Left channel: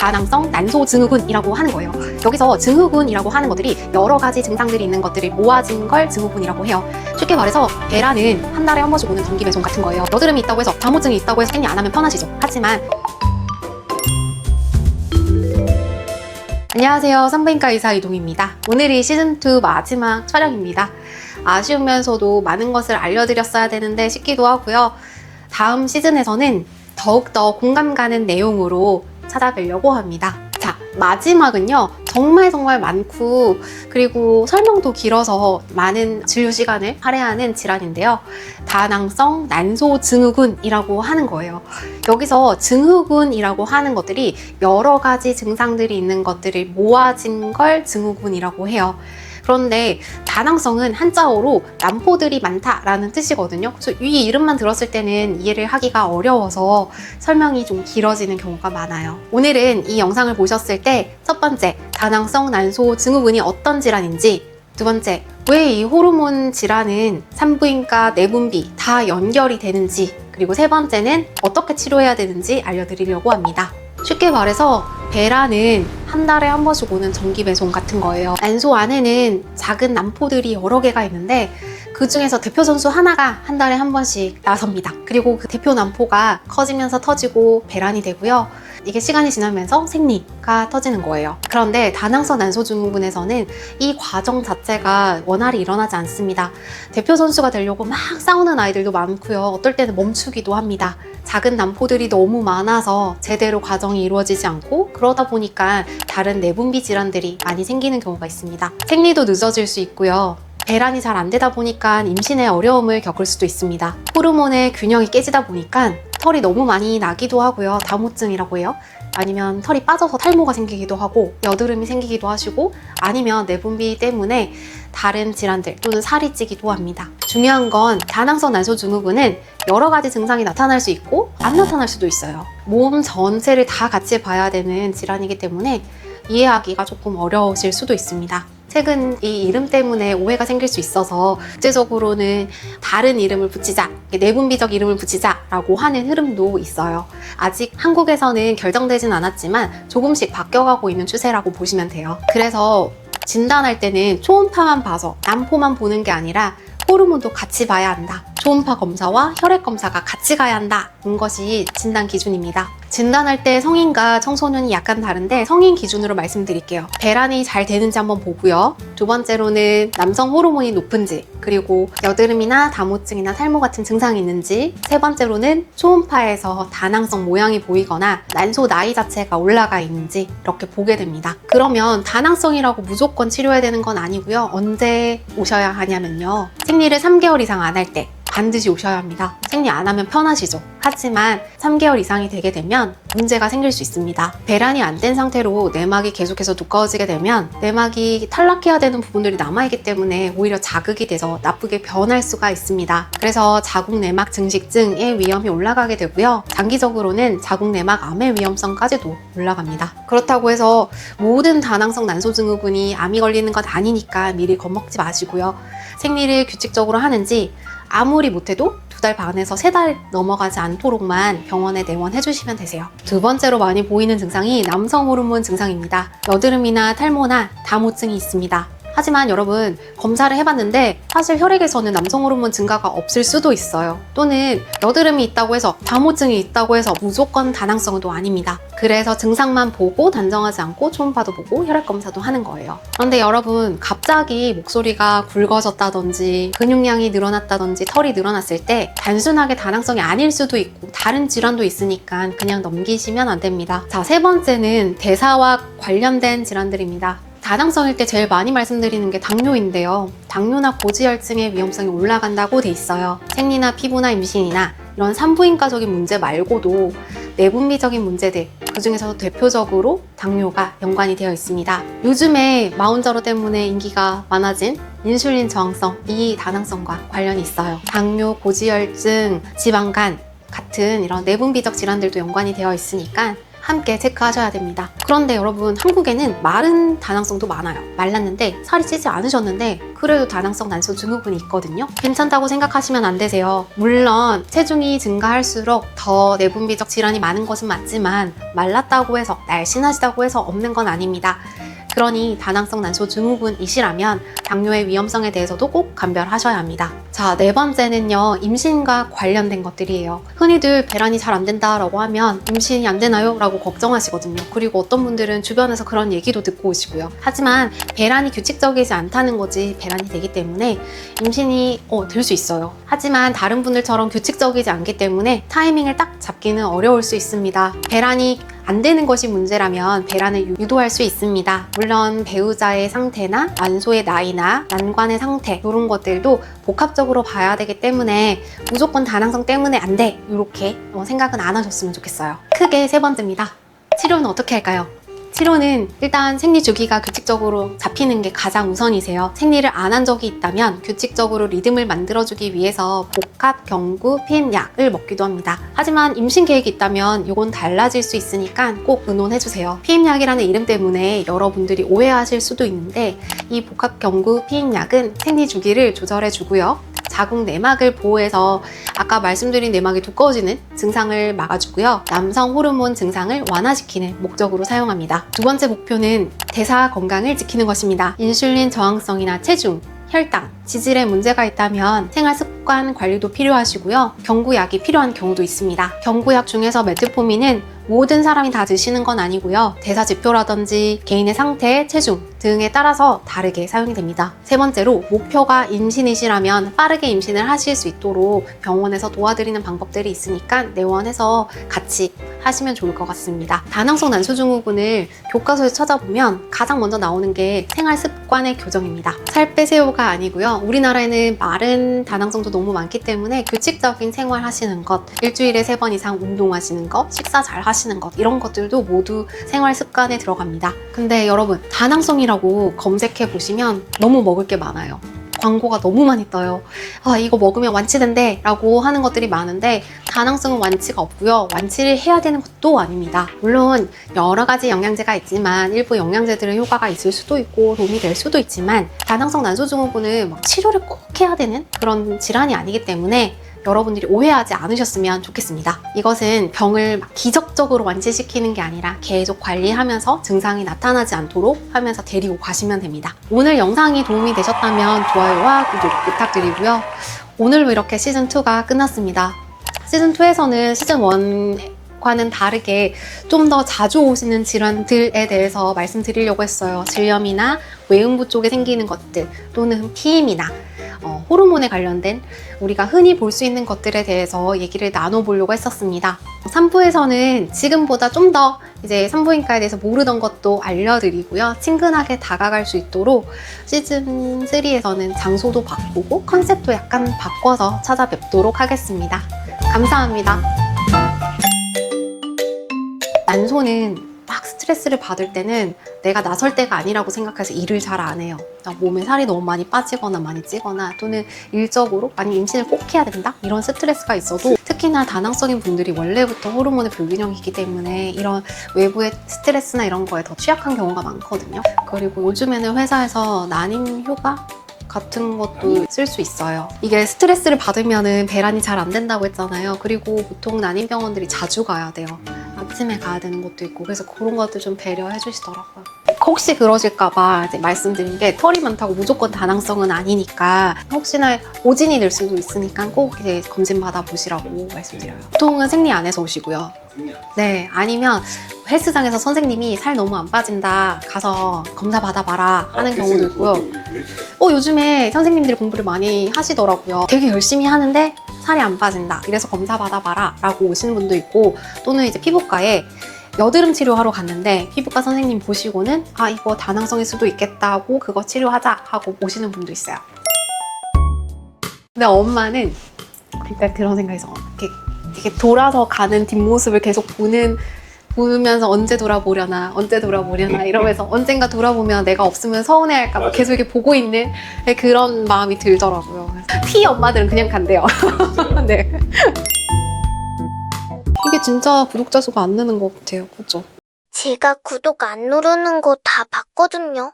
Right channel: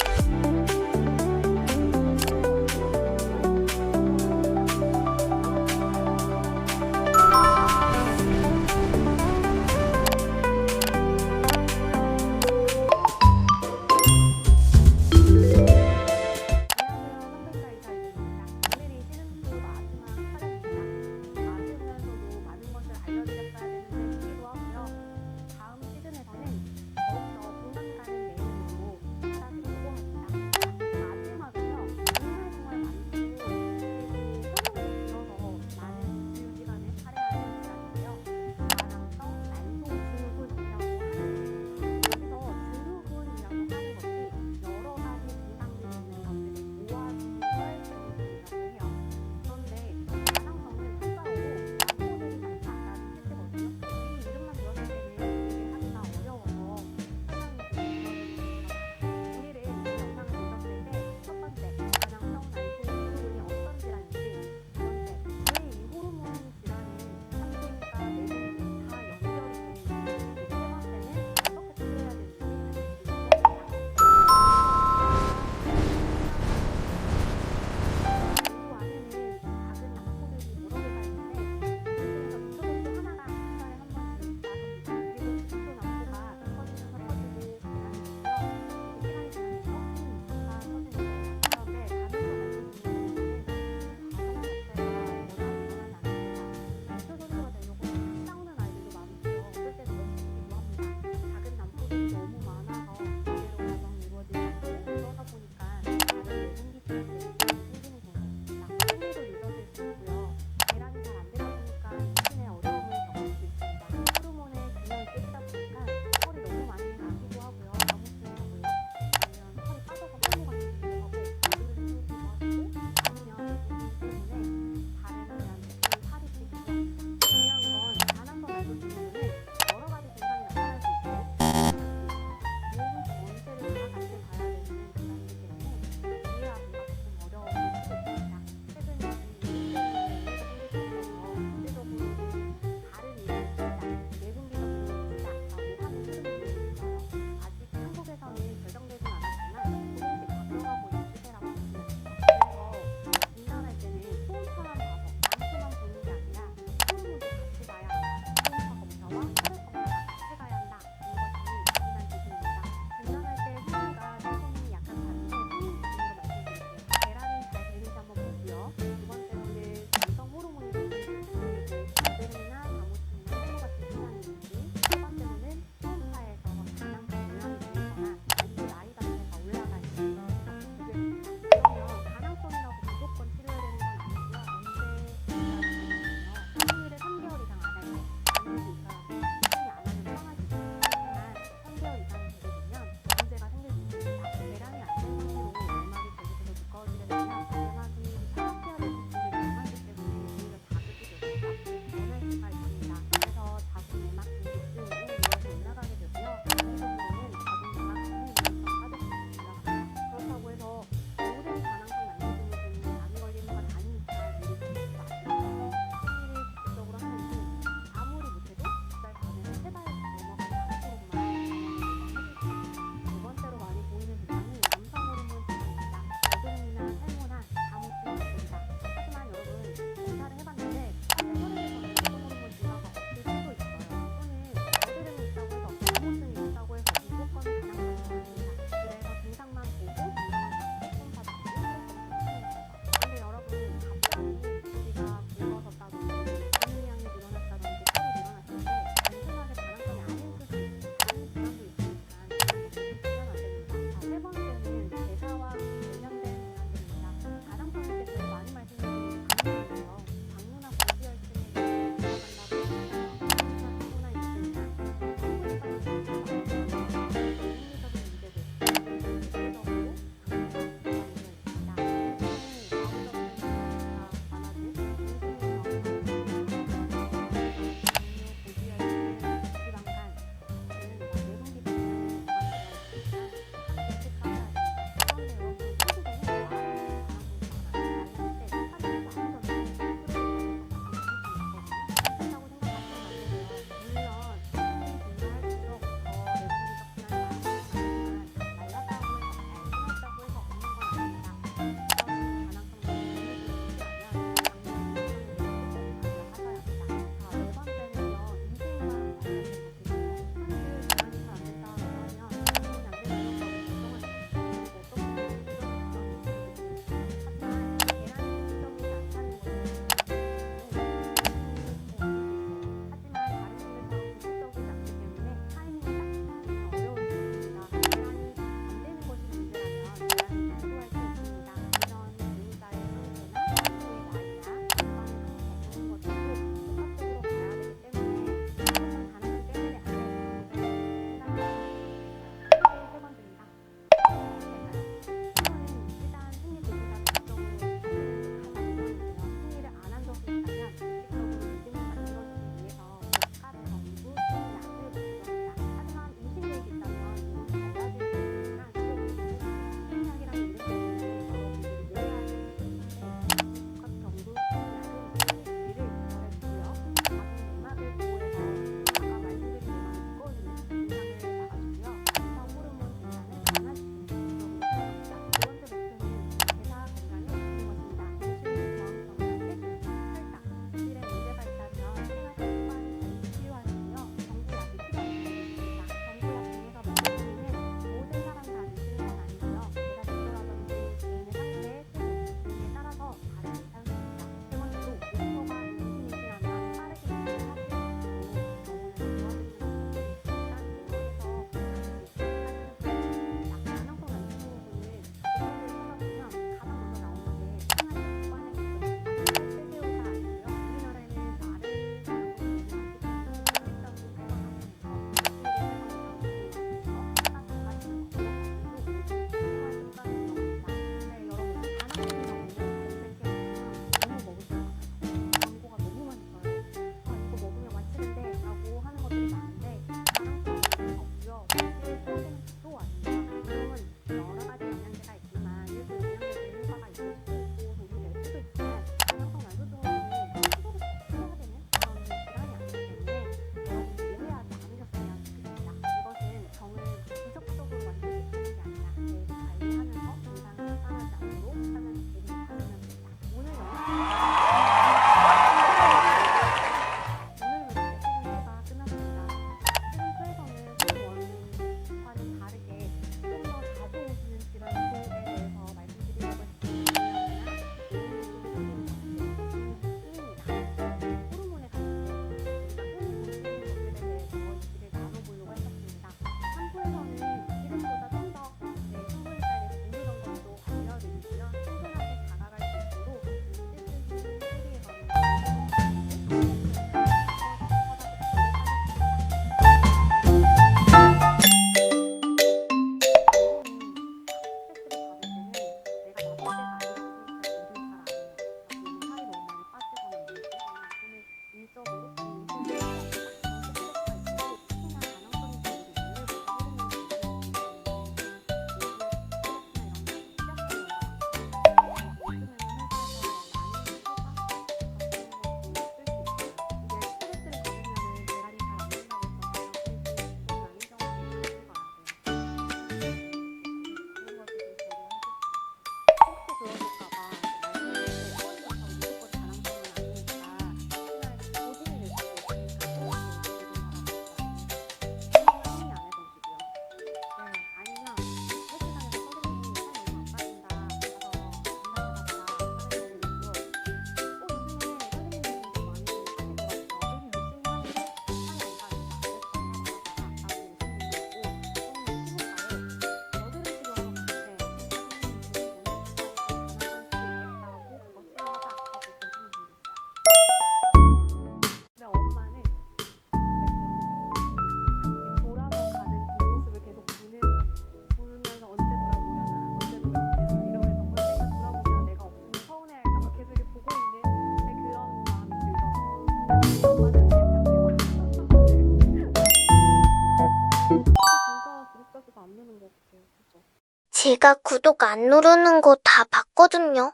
다낭성 난소증후군이라고 하는 거예요. 여기서 증후군이라고 하는 것들이 여러 가지 증상들이 있는 것들을 모아진 걸 증후군이라고 해요. 쉽게 말해서 배라는 한 달에 한 번씩 오는 정기배송 같은 거예요. 여드름이 있다고 해서 다모증이 있다고 해서 생리 안 하면 편하시죠. 하지만 안녕하세요. 산부인과 의사 이동입니다. 오늘이 시즌2 마지막 촬영입니다. 아쉬우면서도 많은 것을 알려드렸어야 되는데 싶기도 하고요. 다음 시즌에서는 더욱더 공감 가는 내용으로 찾아뵈려고 합니다. 자, 마지막은요. 정말 많고 그리고 설명도 길어서 많은 진료 시간을 할애하는 질환인데요. 다낭성 난소증후군이라고 하는 거예요. 여기서 증후군이라고 하는 것들이 여러 가지 증상들이 있는 것들을 모아진 걸 증후군이라고 해요. 그런데 다낭성은 한자어로 난포들이 많다라는 뜻이거든요. 그래서 이 이름만 들었을 때는 이해를 하기가 어려워서 설명이 좀 길어지는 경우가 많아요. 오늘은 이 영상을 보셨을 때 첫 번째, 다낭성 난소 증후군이 어떤 질환인지, 두 번째, 왜 이 호르몬 질환은 산부인과 내분비 다 연결이 되는지, 그리고 세 번째는 어떻게 치료해야 되는지 알려드리려고 합니다. 쉽게 말해서 배라는 한 달에 한 번씩 오는 정기배송 같은 거예요. 난소 안에는 작은 난포들이 여러 개가 있는데 그 중에서 대표 선수 하나가 한 달에 한 번씩 나섭니다. 그리고 그 대표 난포가 커지면서 터지고 배란이 되고요. 이게 시간이 지나면서 생리가 터지는 거예요. 그런데 다낭성 난소증후군에서는 이 과정 자체가 원활히 일어나지 않습니다. 대표 선수가 되려고 막 싸우는 아이들도 많고요. 어떨 때는 멈추기도 합니다. 작은 난포들이 너무 많아서 제대로 과정이 이루어지지 않고 그러다 보니까 다른 내분비 질환들이 많이 생기는 경우가 있습니다. 생리도 늦어질 수 있고요. 배란이 잘 안 되다 보니까 임신에 어려움을 겪을 수도 있습니다. 호르몬의 균형이 깨지다 보니까 털이 너무 많이 나기도 하고요. 다모증이라고 해요. 아니면 털이 빠져서 탈모가 생기기도 하고 여드름이 생기기도 하시고 아니면 내분비 때문에 다른 질환들 또는 살이 찌기도 합니다. 중요한 건 다낭성 난소증후군은 여러 가지 증상이 나타날 수 있고 안 나타날 수도 있어요. 몸 전체를 다 같이 봐야 되는 질환이기 때문에 이해하기가 조금 어려우실 수도 있습니다. 최근 이 이름 때문에 오해가 생길 수 있어서 국제적으로는 다른 이름을 붙이자, 내분비적 이름을 붙이자라고 하는 흐름도 있어요. 아직 한국에서는 결정되진 않았지만 조금씩 바뀌어가고 있는 추세라고 보시면 돼요. 그래서 진단할 때는 초음파만 봐서 난포만 보는 게 아니라 호르몬도 같이 봐야 한다. 초음파 검사와 혈액 검사가 같이 가야 한다는 것이 진단 기준입니다. 진단할 때 성인과 청소년이 약간 다른데 성인 기준으로 말씀드릴게요. 배란이 잘 되는지 한번 보고요. 두 번째로는 남성 호르몬이 높은지, 그리고 여드름이나 다모증이나 탈모 같은 증상이 있는지, 세 번째로는 초음파에서 다낭성 모양이 보이거나 난소 나이 자체가 올라가 있는지 이렇게 보게 됩니다. 그러면 다낭성이라고 무조건 치료해야 되는 건 아니고요. 언제 오셔야 하냐면요. 생리를 3개월 이상 안 할 때 반드시 오셔야 합니다. 생리 안 하면 편하시죠. 하지만 3개월 이상이 되게 되면 문제가 생길 수 있습니다. 배란이 안 된 상태로 내막이 계속해서 두꺼워지게 되면 내막이 탈락해야 되는 부분들이 남아있기 때문에 오히려 자극이 돼서 나쁘게 변할 수가 있습니다. 그래서 자궁내막 증식증의 위험이 올라가게 되고요. 장기적으로는 자궁내막암의 위험성까지도 올라갑니다. 그렇다고 해서 모든 다낭성 난소증후군이 암이 걸리는 건 아니니까 미리 겁먹지 마시고요. 생리를 규칙적으로 하는지 아무리 못해도 2달 반에서 3달 넘어가지 않도록만 병원에 내원해 주시면 되세요. 두 번째로 많이 보이는 증상이 남성 호르몬 증상입니다. 여드름이나 탈모나 다모증이 있습니다. 하지만 여러분 검사를 해봤는데 사실 혈액에서는 남성 호르몬 증가가 없을 수도 있어요. 또는 여드름이 있다고 해서 다모증이 있다고 해서 무조건 다낭성은 또 아닙니다. 그래서 증상만 보고 단정하지 않고 초음파도 보고 혈액 검사도 하는 거예요. 그런데 여러분 갑자기 목소리가 굵어졌다든지 근육량이 늘어났다든지 털이 늘어났을 때 단순하게 다낭성이 아닐 수도 있고 다른 질환도 있으니까 그냥 넘기시면 안 됩니다. 자, 세 번째는 대사와 관련된 질환들입니다. 다낭성일 때 제일 많이 말씀드리는 게 당뇨인데요. 당뇨나 고지혈증의 위험성이 올라간다고 돼 있어요. 생리나 피부나 임신이나 이런 산부인과적인 문제 말고도 내분비적인 문제들, 그중에서도 대표적으로 당뇨가 연관이 되어 있습니다. 요즘에 마운저로 때문에 인기가 많아진 인슐린 저항성, 이 다낭성과 관련이 있어요. 당뇨, 고지혈증, 지방간 같은 이런 내분비적 질환들도 연관이 되어 있으니까 함께 체크하셔야 됩니다. 그런데 여러분 한국에는 마른 다낭성도 많아요. 말랐는데 살이 찌지 않으셨는데 그래도 다낭성 난소 증후군이 있거든요. 괜찮다고 생각하시면 안 되세요. 물론 체중이 증가할수록 더 내분비적 질환이 많은 것은 맞지만 말랐다고 해서 날씬하시다고 해서 없는 건 아닙니다. 그러니 다낭성 난소 증후군이시라면 당뇨의 위험성에 대해서도 꼭 감별하셔야 합니다. 자, 네 번째는요, 임신과 관련된 것들이에요. 흔히들 배란이 잘 안 된다라고 하면 임신이 안 되나요? 라고 걱정하시거든요. 그리고 어떤 분들은 주변에서 그런 얘기도 듣고 오시고요. 하지만 배란이 규칙적이지 않다는 거지 배란이 되기 때문에 임신이 될 수 있어요. 하지만 다른 분들처럼 규칙적이지 않기 때문에 타이밍을 딱 잡기는 어려울 수 있습니다. 배란이 안 되는 것이 문제라면 배란을 유도할 수 있습니다. 물론 배우자의 상태나 난소의 나이나 난관의 상태 이런 것들도 복합적으로 봐야 되기 때문에 무조건 다낭성 때문에 안 돼 이렇게 생각은 안 하셨으면 좋겠어요. 크게 세 번째입니다. 치료는 어떻게 할까요? 치료는 일단 생리 주기가 규칙적으로 잡히는 게 가장 우선이세요. 생리를 안 한 적이 있다면 규칙적으로 리듬을 만들어주기 위해서 복합 경구 피임약을 먹기도 합니다. 하지만 임신 계획이 있다면 이건 달라질 수 있으니까 꼭 의논해주세요. 피임약이라는 이름 때문에 여러분들이 오해하실 수도 있는데 이 복합 경구 피임약은 생리 주기를 조절해주고요. 자궁 내막을 보호해서 아까 말씀드린 내막이 두꺼워지는 증상을 막아주고요. 남성 호르몬 증상을 완화시키는 목적으로 사용합니다. 두 번째 목표는 대사 건강을 지키는 것입니다. 인슐린 저항성이나 체중, 혈당, 지질에 문제가 있다면 생활 습관 관리도 필요하시고요. 경구약이 필요한 경우도 있습니다. 경구약 중에서 메트포민은 모든 사람이 다 드시는 건 아니고요. 대사 지표라든지 개인의 상태, 체중 등에 따라서 다르게 사용이 됩니다. 세 번째로 목표가 임신이시라면 빠르게 임신을 하실 수 있도록 병원에서 도와드리는 방법들이 있으니까 내원해서 같이 하시면 좋을 것 같습니다. 다낭성 난소증후군을 교과서에 찾아보면 가장 먼저 나오는 게 생활 습관의 교정입니다. 살 빼세요가 아니고요. 우리나라에는 마른 다낭성도 너무 많기 때문에 규칙적인 생활 하시는 것, 일주일에 3번 이상 운동하시는 것, 식사 잘 하시는 것 이런 것들도 모두 생활 습관에 들어갑니다. 근데 여러분 다낭성이라고 검색해 보시면 너무 먹을 게 많아요. 광고가 너무 많이 떠요. 이거 먹으면 완치된대 라고 하는 것들이 많은데 다낭성은 완치가 없고요. 완치를 해야 되는 것도 아닙니다. 물론 여러 가지 영양제가 있지만 일부 영양제들은 효과가 있을 수도 있고 도움이 될 수도 있지만 다낭성 난소증후군은 막 치료를 꼭 해야 되는 그런 질환이 아니기 때문에 여러분들이 오해하지 않으셨으면 좋겠습니다. 이것은 병을 막 기적적으로 완치시키는 게 아니라 계속 관리하면서 증상이 나타나지 않도록 하면서 데리고 가시면 됩니다. 오늘 영상이 도움이 되셨다면 좋아요와 구독 부탁드리고요. 오늘로 이렇게 시즌2가 끝났습니다. 시즌2에서는 시즌1과는 다르게 좀 더 자주 오시는 질환들에 대해서 말씀드리려고 했어요. 질염이나 외음부 쪽에 생기는 것들 또는 피임이나 호르몬에 관련된 우리가 흔히 볼 수 있는 것들에 대해서 얘기를 나눠보려고 했었습니다. 3부에서는 지금보다 좀 더 이제 산부인과에 대해서 모르던 것도 알려드리고요. 친근하게 다가갈 수 있도록 시즌 3에서는 장소도 바꾸고 컨셉도 약간 바꿔서 찾아뵙도록 하겠습니다. 감사합니다. 난소는 막 스트레스를 받을 때는 내가 나설 때가 아니라고 생각해서 일을 잘 안 해요. 몸에 살이 너무 많이 빠지거나 많이 찌거나 또는 일적으로 아니 임신을 꼭 해야 된다? 이런 스트레스가 있어도 특히나 다낭성인 분들이 원래부터 호르몬의 불균형이 있기 때문에 이런 외부의 스트레스나 이런 거에 더 취약한 경우가 많거든요. 그리고 요즘에는 회사에서 난임 휴가 같은 것도 쓸 수 있어요. 이게 스트레스를 받으면 배란이 잘 안 된다고 했잖아요. 그리고 보통 난임병원들이 자주 가야 돼요. 아침에 가야 되는 것도 있고 그래서 그런 것들 좀 배려해 주시더라고요. 혹시 그러실까봐 이제 말씀드린 게 털이 많다고 무조건 다낭성은 아니니까 혹시나 오진이 될 수도 있으니까 꼭 이제 검진 받아보시라고 말씀드려요. 보통은 생리 안에서 오시고요. 네, 아니면 헬스장에서 선생님이 살 너무 안 빠진다 가서 검사 받아봐라 하는 경우도 있고요. 요즘에 선생님들이 공부를 많이 하시더라고요. 되게 열심히 하는데 살이 안 빠진다 이래서 검사 받아봐라 라고 오시는 분도 있고 또는 이제 피부과에 여드름 치료하러 갔는데 피부과 선생님 보시고는 이거 다낭성일 수도 있겠다고 그거 치료하자 하고 오시는 분도 있어요. 근데 엄마는 그러니까 그런 생각에서 이렇게 돌아서 가는 뒷모습을 계속 보면서 언제 돌아보려나 이러면서 언젠가 돌아보면 내가 없으면 서운해할까 봐 계속 이렇게 보고 있는 그런 마음이 들더라고요. 피 엄마들은 그냥 간대요. 네. 이게 진짜 구독자 수가 안 느는 것 같아요. 그죠? 제가 구독 안 누르는 거 다 봤거든요.